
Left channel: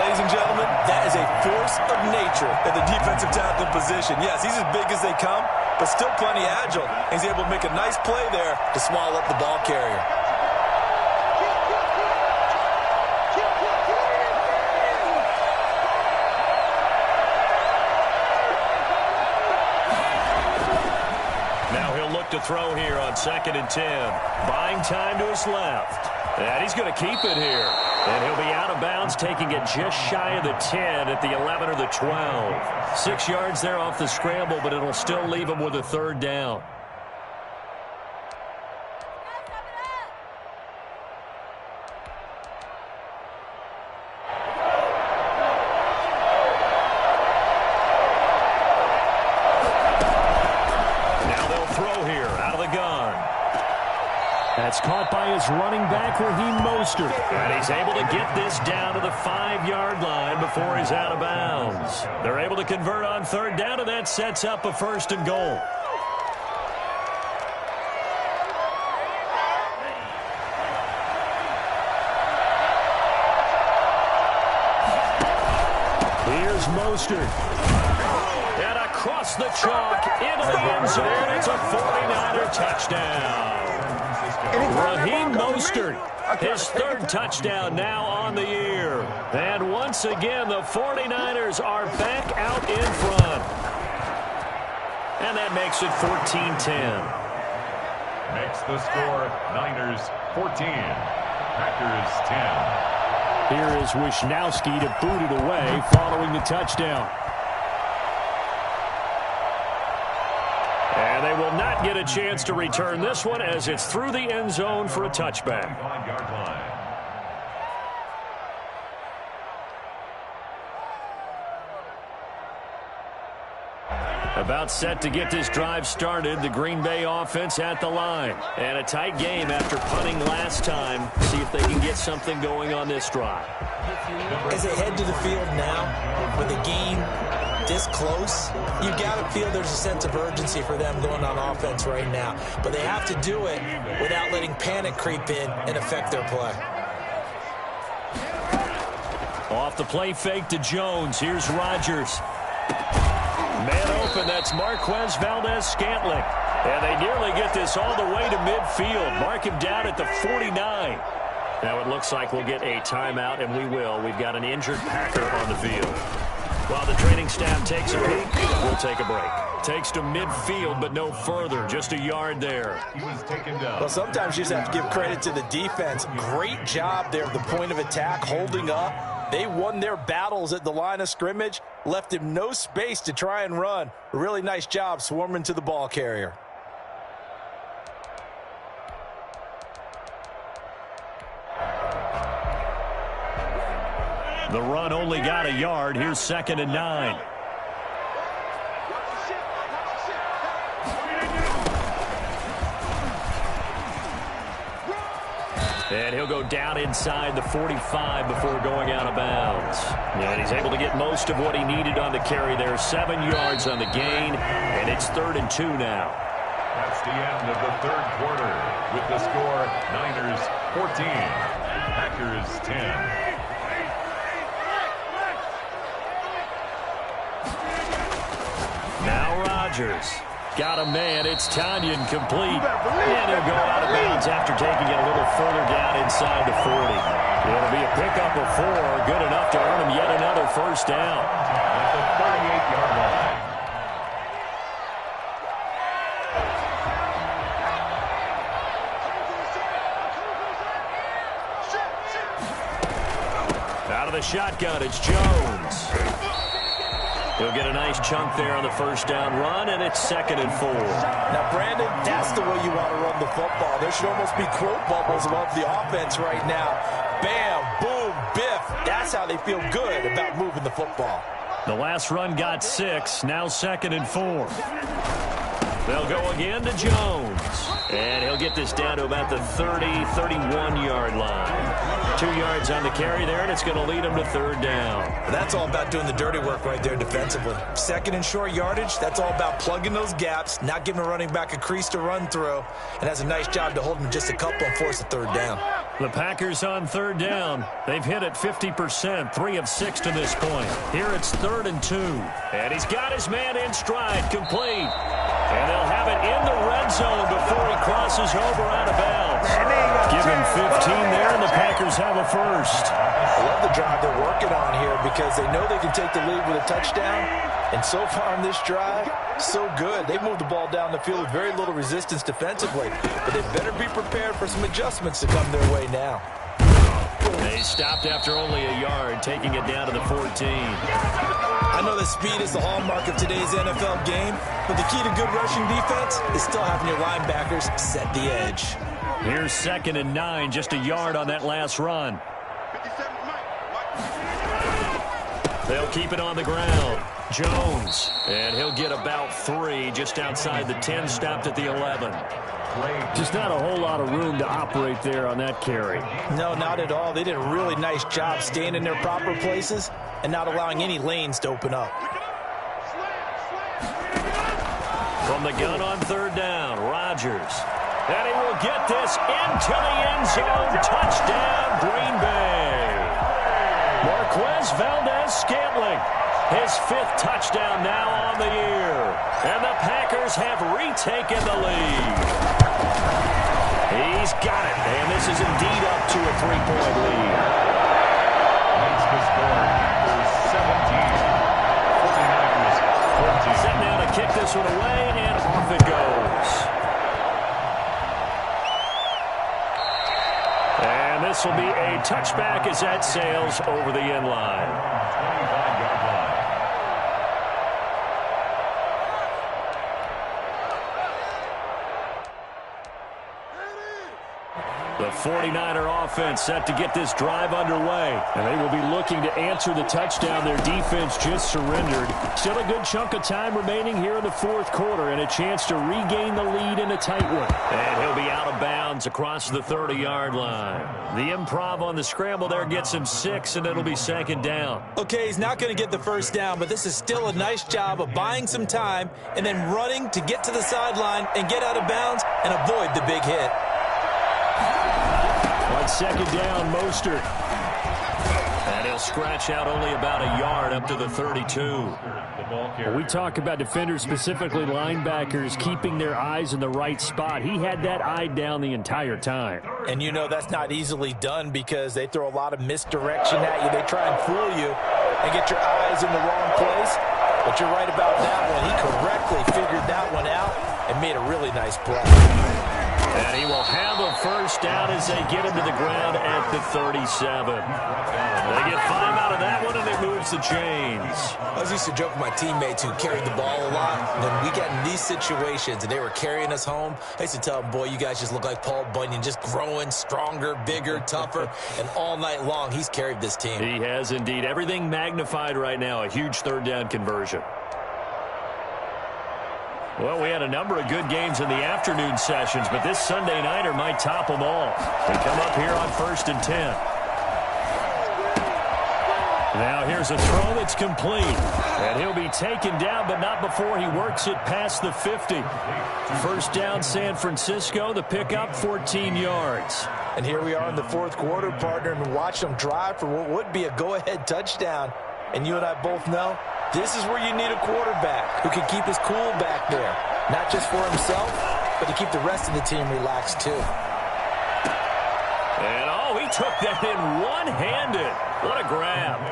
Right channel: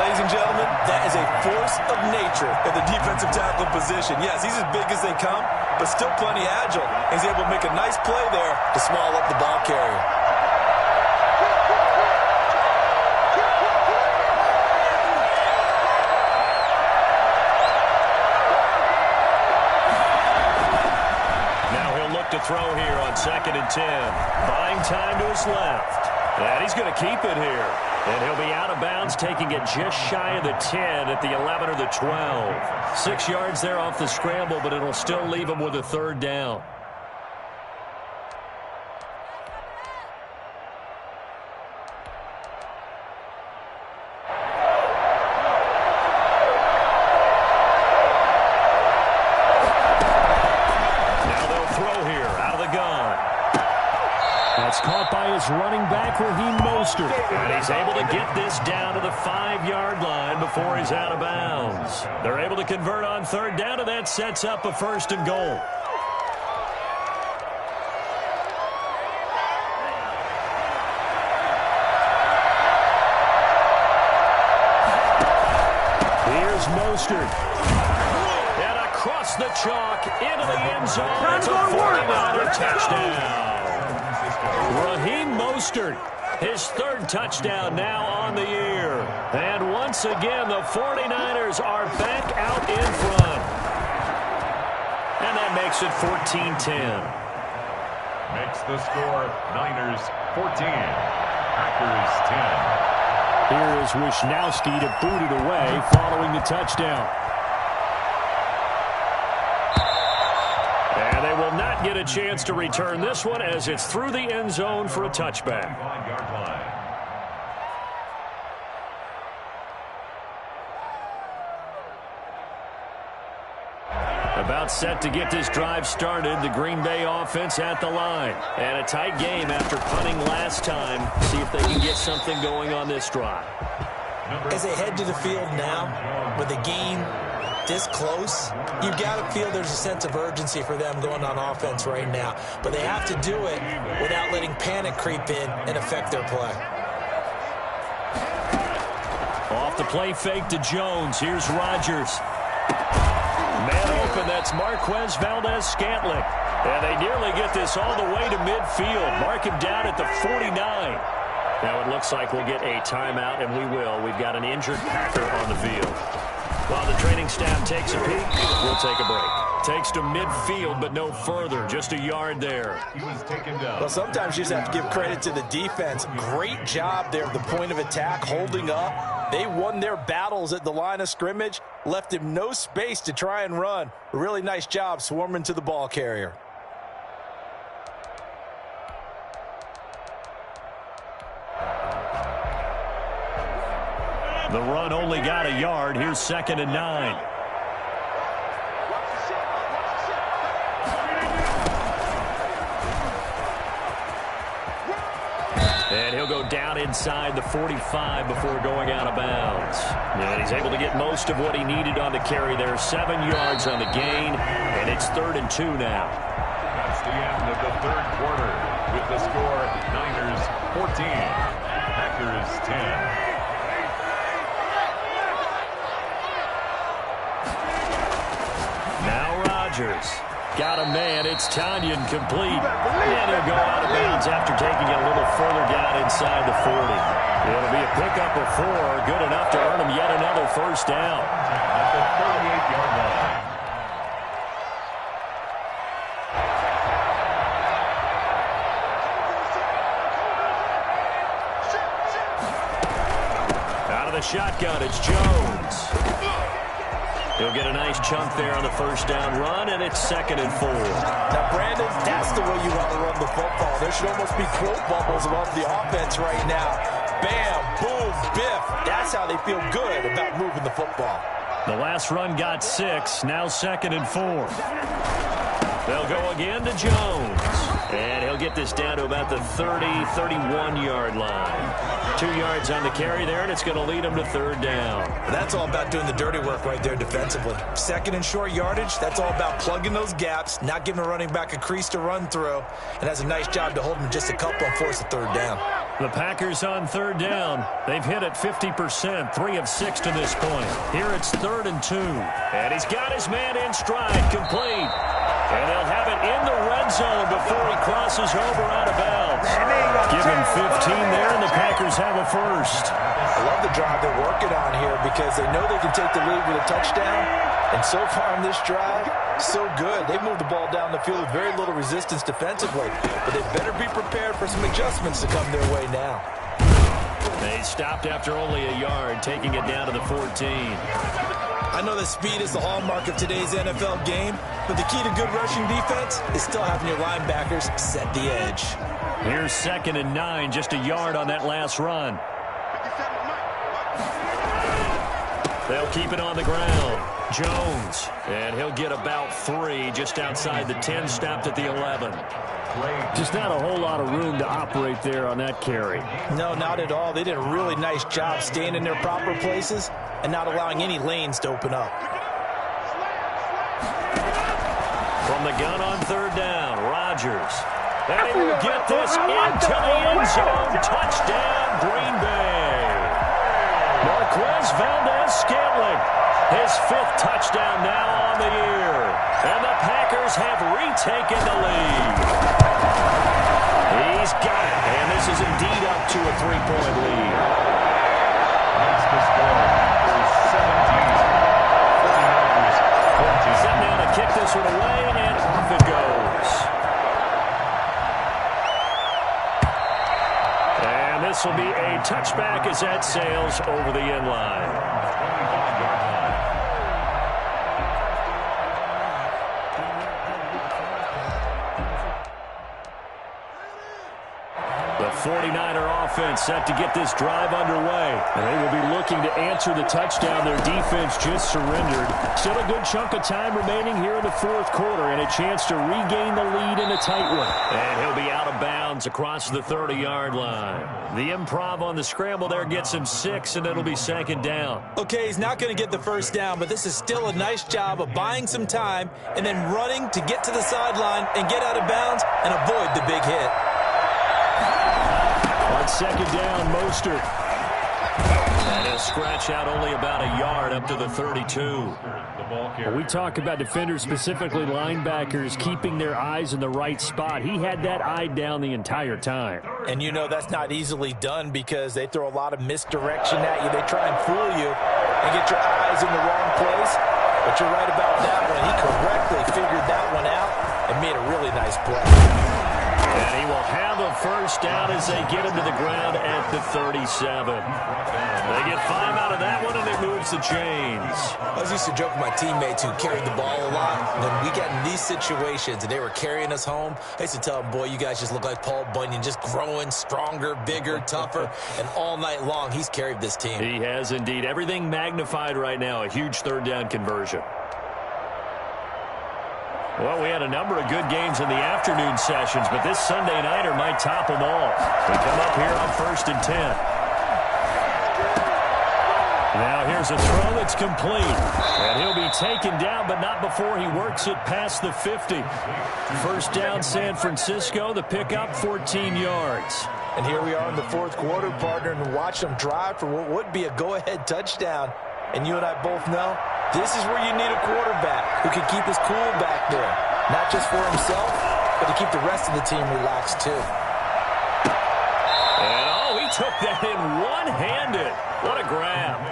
Ladies and gentlemen, that is a force of nature in the defensive tackle position. Yes, he's as big as they come, but still plenty agile. He's able to make a nice play there to swallow up the ball carrier. Now he'll look to throw here on 2nd and 10. Buying time to his left. And he's going to keep it here. And he'll be out of bounds, taking it just shy of the 10 at the 11 or the 12. 6 yards there off the scramble, but it'll still leave him with a 3rd down. Now they'll throw here out of the gun. That's caught by his running back, Raheem Mostert. And he's able to get this down to the 5-yard line before he's out of bounds. They're able to convert on 3rd down, and that sets up a 1st and goal. Mostert. And across the chalk into the end zone. It's a 49er touchdown. Raheem Mostert, his third touchdown now on the year. And once again, the 49ers are back out in front. And that makes it 14-10. Makes the score Niners 14, Packers 10. Here is Wishnowski to boot it away following the touchdown. And they will not get a chance to return this one as it's through the end zone for a touchback. 5-yard line. About set to get this drive started, the Green Bay offense at the line. And a tight game after punting last time. See if they can get something going on this drive. As they head to the field now, with the game this close, you've got to feel there's a sense of urgency for them going on offense right now. But they have to do it without letting panic creep in and affect their play. Off the play fake to Jones. Here's Rodgers. Man open, that's Marquez Valdez-Scantling. And they nearly get this all the way to midfield. Mark him down at the 49. Now it looks like we'll get a timeout, and we will. We've got an injured Packer on the field. While the training staff takes a peek, we'll take a break. Takes to midfield, but no further. Just a yard there. He was taken down. Well, sometimes you just have to give credit to the defense. Great job there at the point of attack, holding up. They won their battles at the line of scrimmage, left him no space to try and run. A really nice job swarming to the ball carrier. The run only got a yard. Here's 2nd and 9. And he'll go down inside the 45 before going out of bounds. And he's able to get most of what he needed on the carry there. 7 yards on the gain, and it's 3rd and 2 now. That's the end of the third quarter with the score Niners 14, Packers 10. Now Rodgers. Got a man. It's Tanyan complete. And he'll go out of bounds after taking it a little further down inside the 40. It'll be a pickup of 4. Good enough to earn him yet another first down. At the 38-yard line. Out of the shotgun, it's Jones. He'll get a nice chunk there on the first down run, and it's 2nd and 4. Now, Brandon, that's the way you want to run the football. There should almost be quote bubbles above the offense right now. Bam, boom, biff. That's how they feel good about moving the football. The last run got 6, now 2nd and 4. They'll go again to Jones. And he'll get this down to about the 30, 31-yard line. 2 yards on the carry there, and it's going to lead him to 3rd down. That's all about doing the dirty work right there defensively. 2nd and short yardage, that's all about plugging those gaps, not giving a running back a crease to run through, and has a nice job to hold him just a couple and force a 3rd down. The Packers on 3rd down. They've hit it 50%, 3 of 6 to this point. Here it's 3rd and 2. And he's got his man in stride, complete. And they'll have it in the red zone before he crosses over out of bounds. Give him 15 there, and the Packers have a first. I love the drive they're working on here because they know they can take the lead with a touchdown. And so far in this drive, so good. They've moved the ball down the field with very little resistance defensively. But they better be prepared for some adjustments to come their way now. They stopped after only a yard, taking it down to the 14. I know that speed is the hallmark of today's NFL game, but the key to good rushing defense is still having your linebackers set the edge. Here's 2nd and 9, just a yard on that last run. They'll keep it on the ground. Jones, and he'll get about 3 just outside the 10, stopped at the 11. Just not a whole lot of room to operate there on that carry. No, not at all. They did a really nice job staying in their proper places and not allowing any lanes to open up. From the gun on 3rd down, Rodgers. And he will get this into the end zone. Touchdown, Green Bay. Marquez Valdez-Scantling, his 5th touchdown now on the year. And the Packers have retaken the lead. He's got it, and this is indeed up to a 3-point lead. Makes the score, Packers 17, 49ers 14. Set now to kick this one away, and off it goes. And this will be a touchback as that sails over the end line. 25-yard line. The 49er offense set to get this drive underway. And they will be looking to answer the touchdown their defense just surrendered. Still a good chunk of time remaining here in the 4th quarter and a chance to regain the lead in a tight one. And he'll be out of bounds across the 30-yard line. The improv on the scramble there gets him 6, and it'll be 2nd down. Okay, he's not going to get the first down, but this is still a nice job of buying some time and then running to get to the sideline and get out of bounds and avoid the big hit. On 2nd down, Mostert. And he'll scratch out only about a yard up to the 32. When we talk about defenders, specifically linebackers, keeping their eyes in the right spot. He had that eye down the entire time. And you know that's not easily done because they throw a lot of misdirection at you. They try and fool you and get your eyes in the wrong place. But you're right about that one. He correctly figured that one out and made a really nice play. And he will have a first down as they get him to the ground at the 37. They get 5 out of that one, and it moves the chains. I was used to joke with my teammates who carried the ball a lot. When we got in these situations and they were carrying us home, I used to tell them, boy, you guys just look like Paul Bunyan, just growing stronger, bigger, tougher, and all night long he's carried this team. He has indeed. Everything magnified right now, a huge 3rd down conversion. Well, we had a number of good games in the afternoon sessions, but this Sunday nighter might top them all. We come up here on 1st and 10. Now here's a throw that's complete. And he'll be taken down, but not before he works it past the 50. First down, San Francisco. The pickup, 14 yards. And here we are in the 4th quarter, partner, and watch them drive for what would be a go-ahead touchdown. And you and I both know this is where you need a quarterback who can keep his cool back there. Not just for himself, but to keep the rest of the team relaxed too. And he took that in one-handed. What a grab.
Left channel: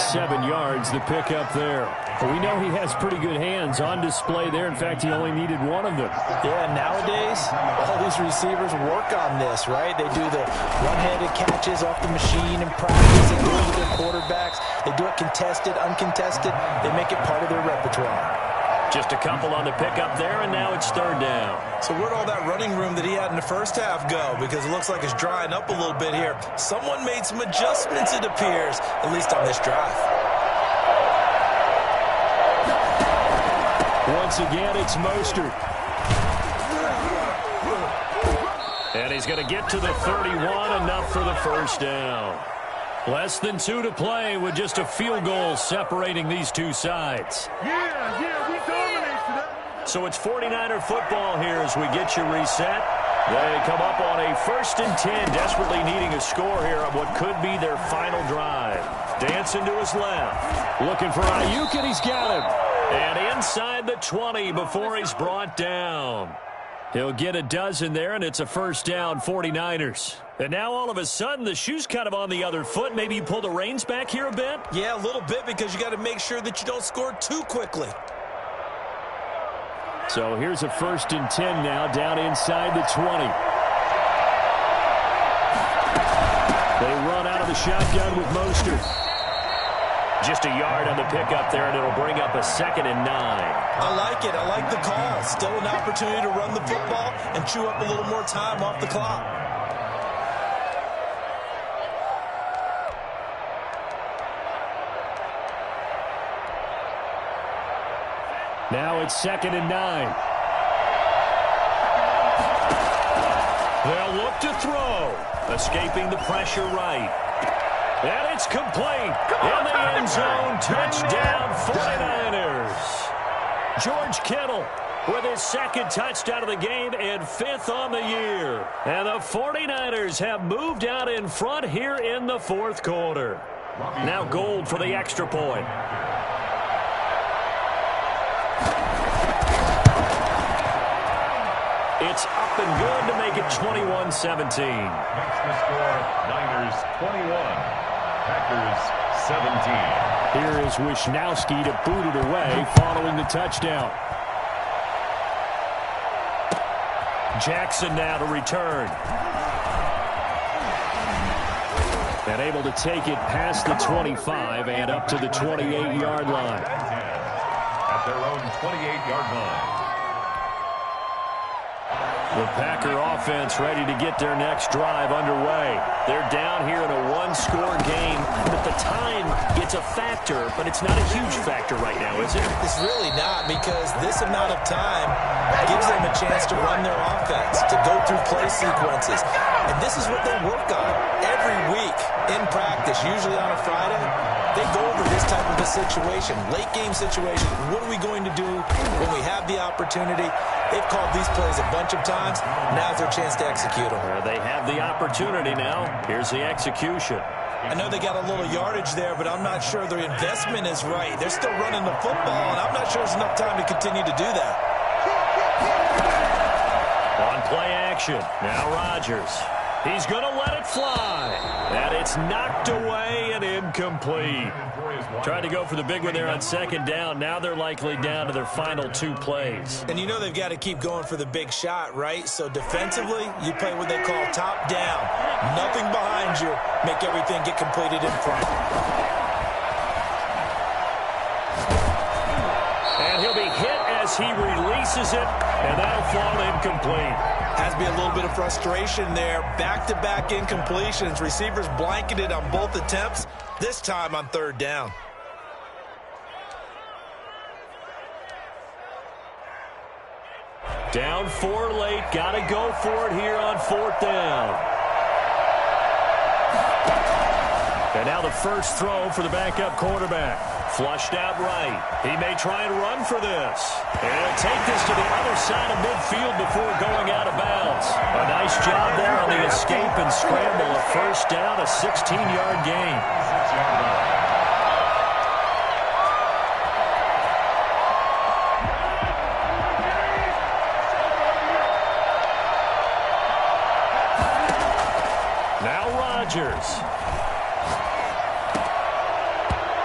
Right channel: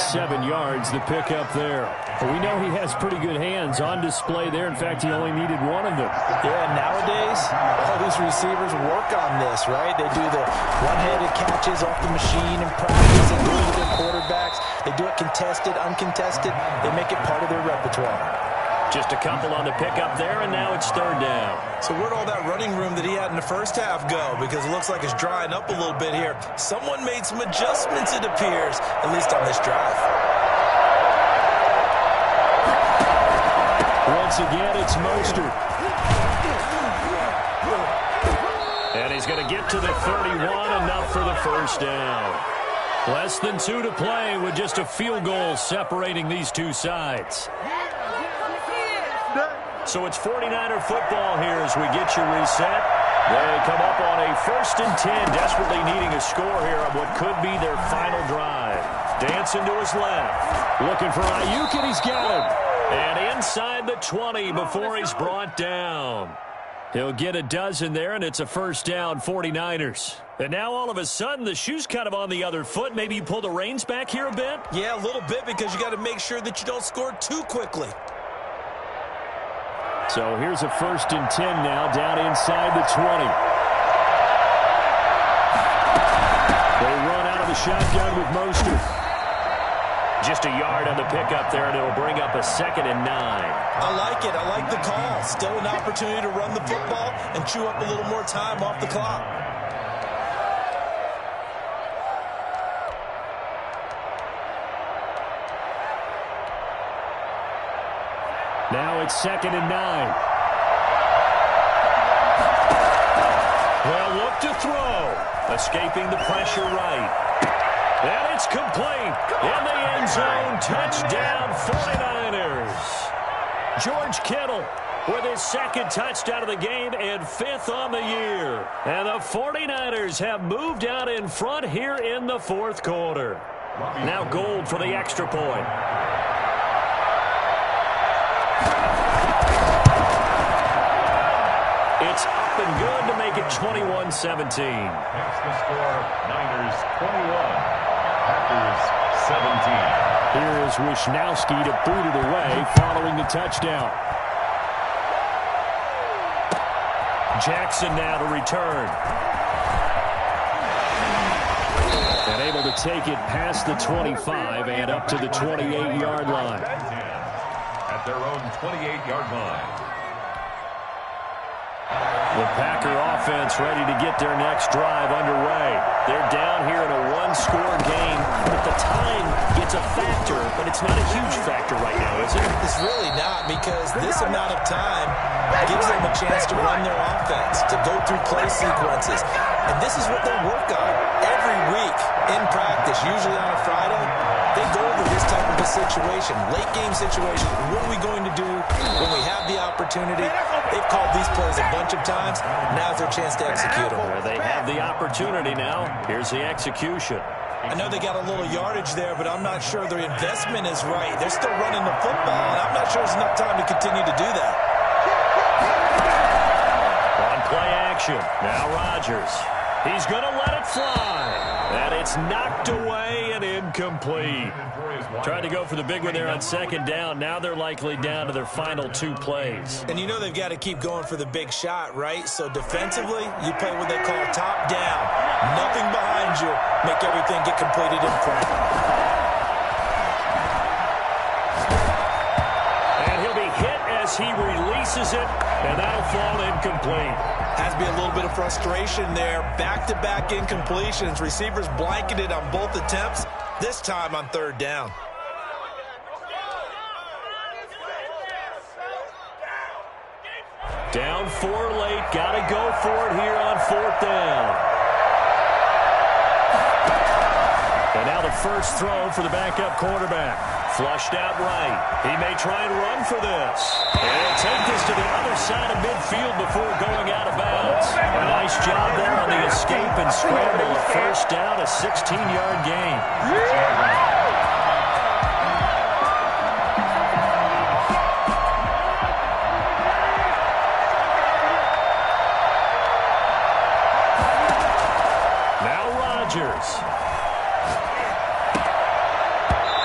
7 yards, the pickup there. We know he has pretty good hands on display there. In fact, he only needed one of them. Yeah, nowadays, all these receivers work on this, right? They do the one-handed catches off the machine in practice. They do it with their quarterbacks. They do it contested, uncontested. They make it part of their repertoire. Just a couple on the pickup there, and now it's 3rd down. So where'd all that running room that he had in the first half go? Because it looks like it's drying up a little bit here. Someone made some adjustments, it appears, at least on this drive. Once again, it's Mostert. And he's going to get to the 31, enough for the first down. Less than 2 to play with just a field goal separating these two sides. So it's 49er football here as we get you reset. They come up on a 1st and 10, desperately needing a score here on what could be their final drive. Dancing to his left. Looking for Ayuk, and he's got him. And inside the 20 before he's brought down. He'll get a dozen there, and it's a first down, 49ers. And now all of a sudden, the shoe's kind of on the other foot. Maybe you pull the reins back here a bit? Yeah, a little bit, because you got to make sure that you don't score too quickly. So here's a 1st and 10 now, down inside the 20. They run out of the shotgun with Mostert. Just a yard on the pickup there, and it'll bring up a 2nd and 9. I like it. I like the call. Still an opportunity to run the football and chew up a little more time off the clock. Now it's 2nd and 9. They'll look to throw. Escaping the pressure right. And it's complete. In the end zone, touchdown 49ers. George Kittle with his 2nd touchdown of the game and 5th on the year. And the 49ers have moved out in front here in the 4th quarter. Now Gold for the extra point. It's up and good to make it 21-17. Makes the score Niners 21, Packers 17. Here is Wisnowski to boot it away following the touchdown. Jackson now to return. And able to take it past the 25 and up to the 28-yard line. At their own 28-yard line. The Packer offense ready to get their next drive underway. They're down here in a one-score game, but the time gets a factor, but it's not a huge factor right now, is it? It's really not, because this amount of time gives them a chance to run their offense, to go through play sequences. And this is what they work on every week in practice, usually on a Friday. They go over this type of a situation, late game situation. What are we going to do when we have the opportunity? They've called these plays a bunch of times. Now's their chance to execute them. They have the opportunity now. Here's the execution. I know they got a little yardage there, but I'm not sure their investment is right. They're still running the football, and I'm not sure there's enough time to continue to do that. On play action, now Rodgers. He's going to let it fly. And it's knocked away and incomplete. Tried to go for the big one there on second down. Now they're likely down to their final two plays. And you know they've got to keep going for the big shot, right? So defensively, you play what they call top down. Nothing behind you. Make everything get completed in front. And he'll be hit as he releases it, and that'll fall incomplete. Has to be a little bit of frustration there. Back-to-back incompletions. Receivers blanketed on both attempts, this time on third down. Down 4 late. Got to go for it here on fourth down. And now the first throw for the backup quarterback. Flushed out right. He may try and run for this. And he'll take this to the other side of midfield before going out of bounds. A nice job there on the escape and scramble. A first down, a 16-yard gain. 6-yard line. Now Rodgers.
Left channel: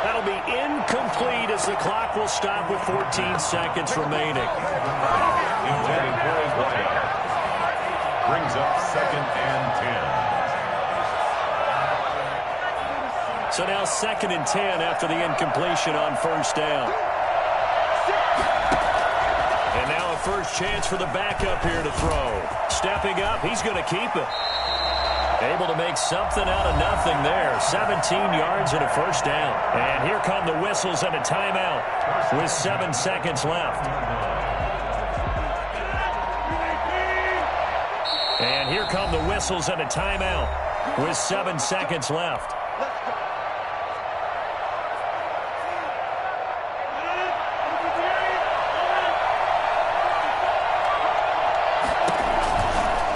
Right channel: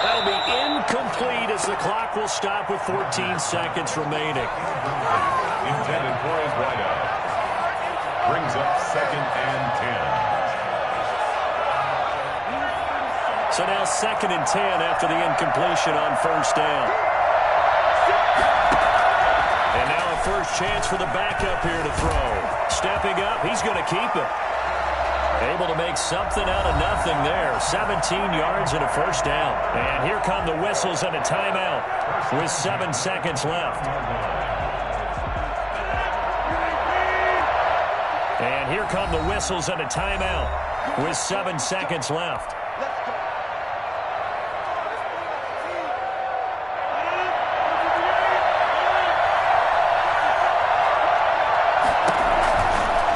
That'll be incomplete as the clock will stop with 14 seconds remaining. Intended for his wideout. Brings up 2nd and 10. So now 2nd and 10 after the incompletion on first down. And now a first chance for the backup here to throw. Stepping up, he's going to keep it. Able to make something out of nothing there. 17 yards and a first down. And here come the whistles and a timeout with 7 seconds left. And here come the whistles and a timeout with 7 seconds left.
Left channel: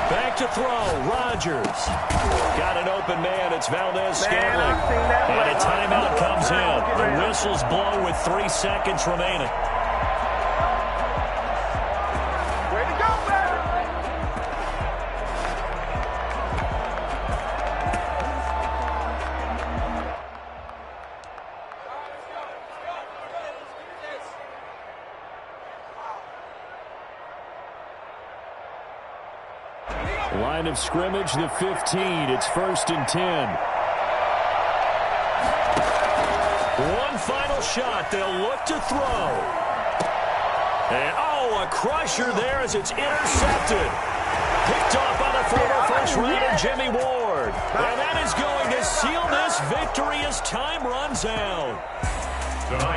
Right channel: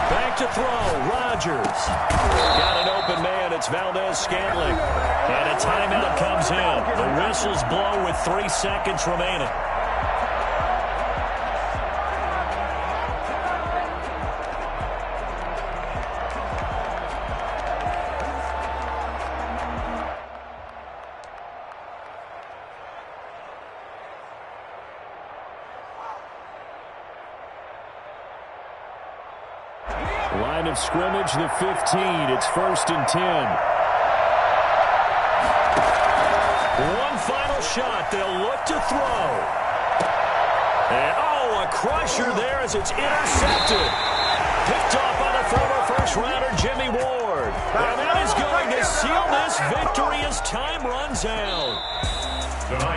Back to throw, Rodgers. Got an open man, it's Valdez-Scantling. And a timeout comes in. The whistles blow with 3 seconds remaining. Line of scrimmage, the 15. It's 1st and 10. One final shot. They'll look to throw. And, a crusher there as it's intercepted. Picked off by the former first-rounder Jimmy Ward. And that is going to seal this victory as time runs out.